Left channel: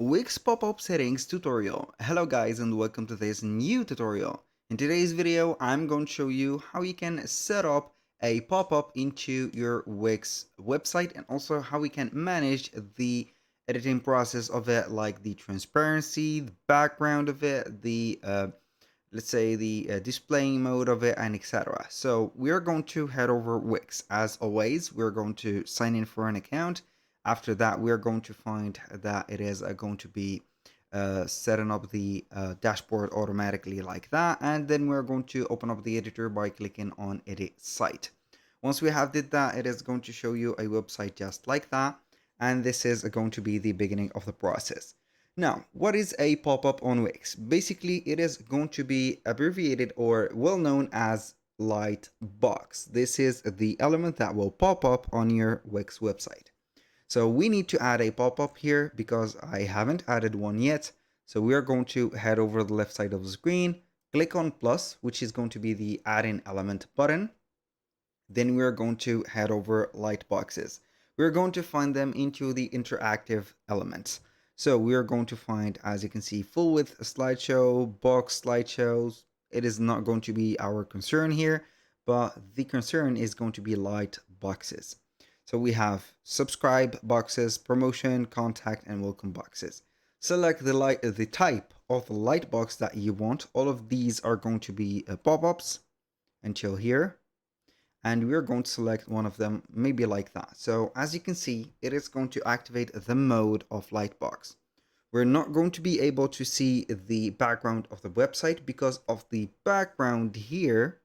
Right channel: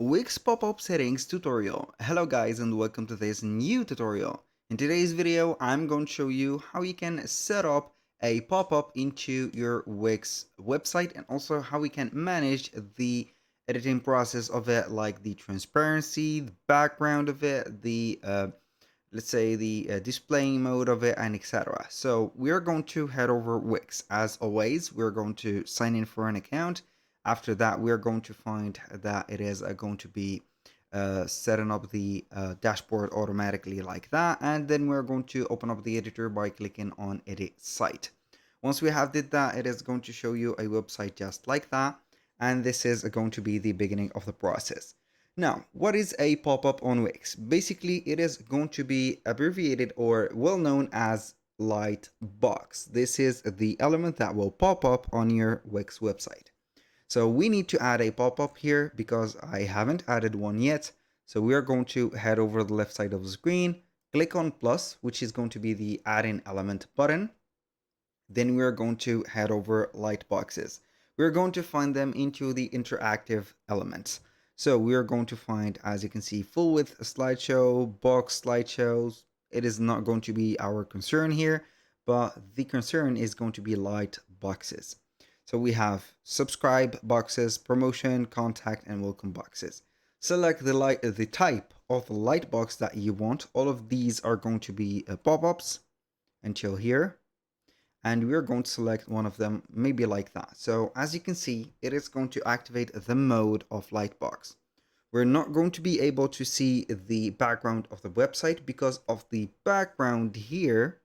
Wix pop-up settings tutorial. Hello guys and welcome to this new tutorial. In today's video I'm going to show you how you can set up a pop-up into your Wix website and also how we can manage the editing process of it, like the transparency, the background of it, the let's say the displaying mode of it, and etc. So we're going to head over Wix. As always, we're going to sign in for an account. After that, we're going to find that it is going to be setting up the dashboard automatically like that, and then we're going to open up the editor by clicking on edit site. Once we have did that, it is going to show you a website just like that, and this is going to be the beginning of the process. Now, what is a pop-up on Wix? Basically, it is going to be abbreviated or well known as Lightbox. This is the element that will pop up on your Wix website. So we need to add a pop-up here because I haven't added one yet. So we are going to head over the left side of the screen, click on plus, which is going to be the add in element button. Then we are going to head over Lightboxes. We're going to find them into the interactive elements. So we are going to find, as you can see, full width slideshow, box slideshows. It is not going to be our concern here, but the concern is going to be light boxes. So we have subscribe boxes, promotion, contact, and welcome boxes. Select the type of the light box that you want. All of these are going to be pop-ups until here. And we're going to select one of them, maybe like that. So as you can see, it is going to activate the mode of Lightbox. We're not going to be able to see the background of the website because of the background here.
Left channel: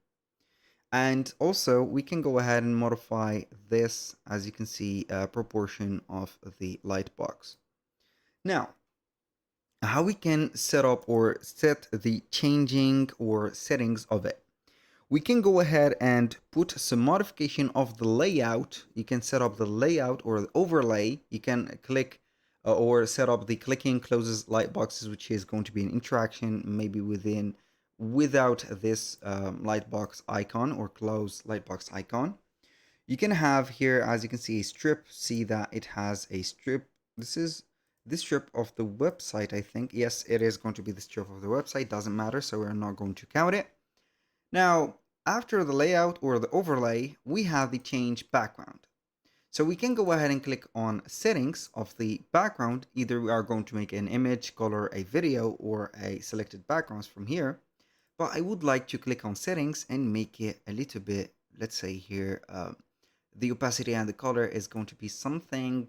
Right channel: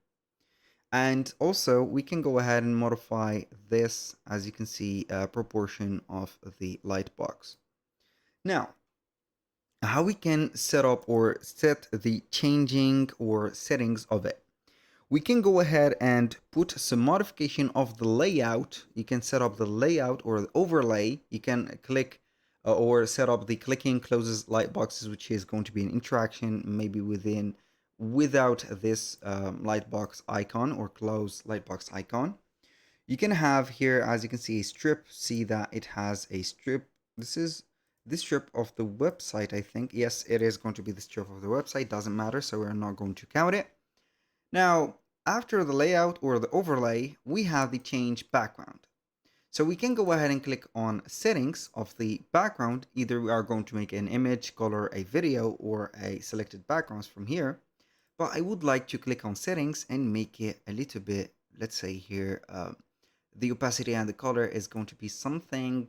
And also we can go ahead and modify this, as you can see, proportion of the Lightbox. Now, how we can set up or set the changing or settings of it. We can go ahead and put some modification of the layout. You can set up the layout or the overlay. You can click or set up the clicking closes light boxes, which is going to be an interaction maybe without this lightbox icon or close lightbox icon. You can have here, as you can see, a strip. See that it has a strip. This is the strip of the website, I think. Yes, it is going to be the strip of the website. Doesn't matter, so we're not going to count it. Now, after the layout or the overlay, we have the change background. So we can go ahead and click on settings of the background. Either we are going to make an image, color, a video, or a selected backgrounds from here. But I would like to click on settings and make it a little bit, let's say here, the opacity and the color is going to be something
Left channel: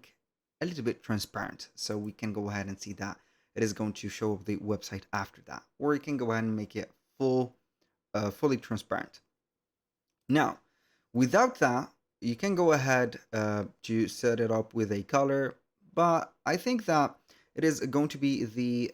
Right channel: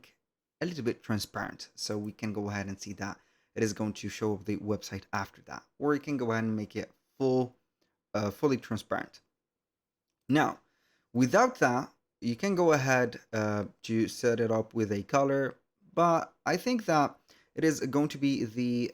a little bit transparent. So we can go ahead and see that it is going to show up the website after that. Or you can go ahead and make it fully transparent. Now, without that, you can go ahead to set it up with a color, but I think that it is going to be the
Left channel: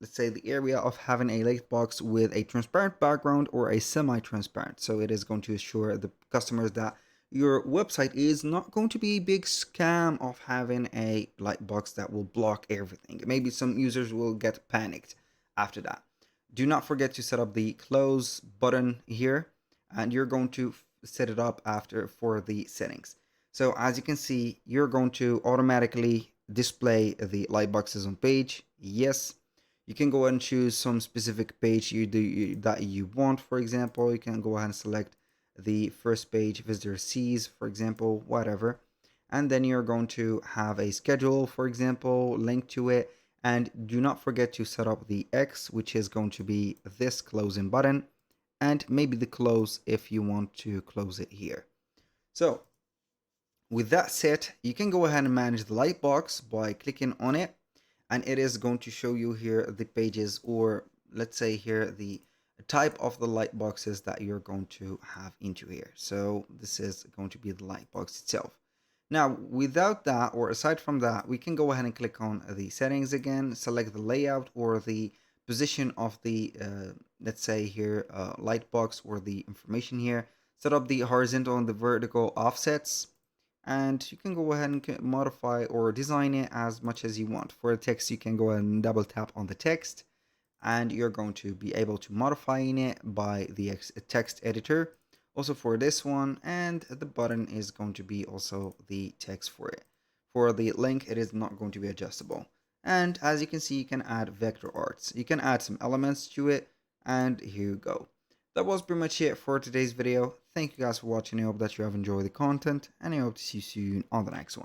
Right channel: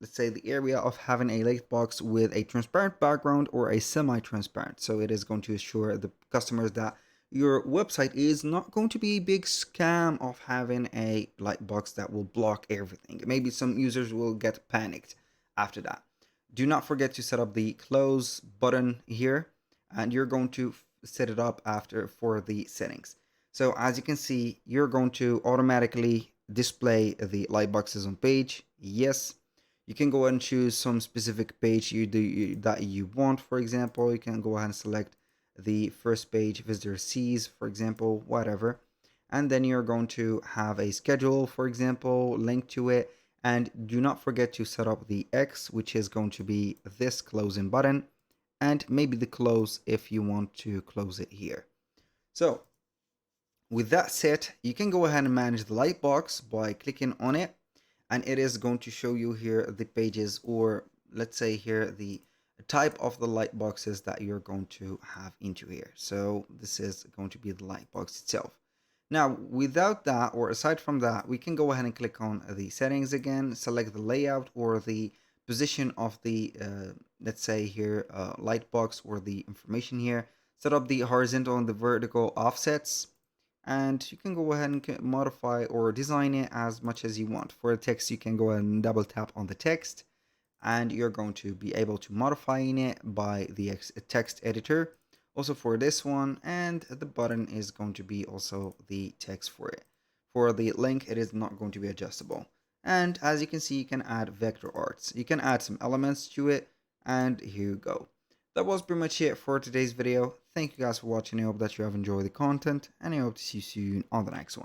let's say the area of having a lightbox with a transparent background or a semi-transparent. So it is going to assure the customers that your website is not going to be a big scam of having a lightbox that will block everything. Maybe some users will get panicked after that. Do not forget to set up the close button here, and you're going to set it up after for the settings. So as you can see, you're going to automatically display the light boxes on page. Yes, you can go ahead and choose some specific page that you want. For example, you can go ahead and select the first page visitor sees, for example, whatever. And then you're going to have a schedule, for example, link to it. And do not forget to set up the X, which is going to be this closing button, and maybe the close if you want to close it here. So with that set, you can go ahead and manage the lightbox by clicking on it, and it is going to show you here the pages, or let's say here the type of the light boxes that you're going to have into here. So this is going to be the lightbox itself. Now, without that, or aside from that, we can go ahead and click on the settings again, select the layout or the position of the, let's say here, lightbox or the information here, set up the horizontal and the vertical offsets, and you can go ahead and modify or design it as much as you want. For the text, you can go ahead and double tap on the text, and you're going to be able to modify it by the text editor. Also for this one, and the button is going to be also the text for it. For the link, it is not going to be adjustable. And as you can see, you can add vector arts. You can add some elements to it, and here you go. That was pretty much it for today's video. Thank you guys for watching. I hope that you have enjoyed the content, and I hope to see you soon on the next one.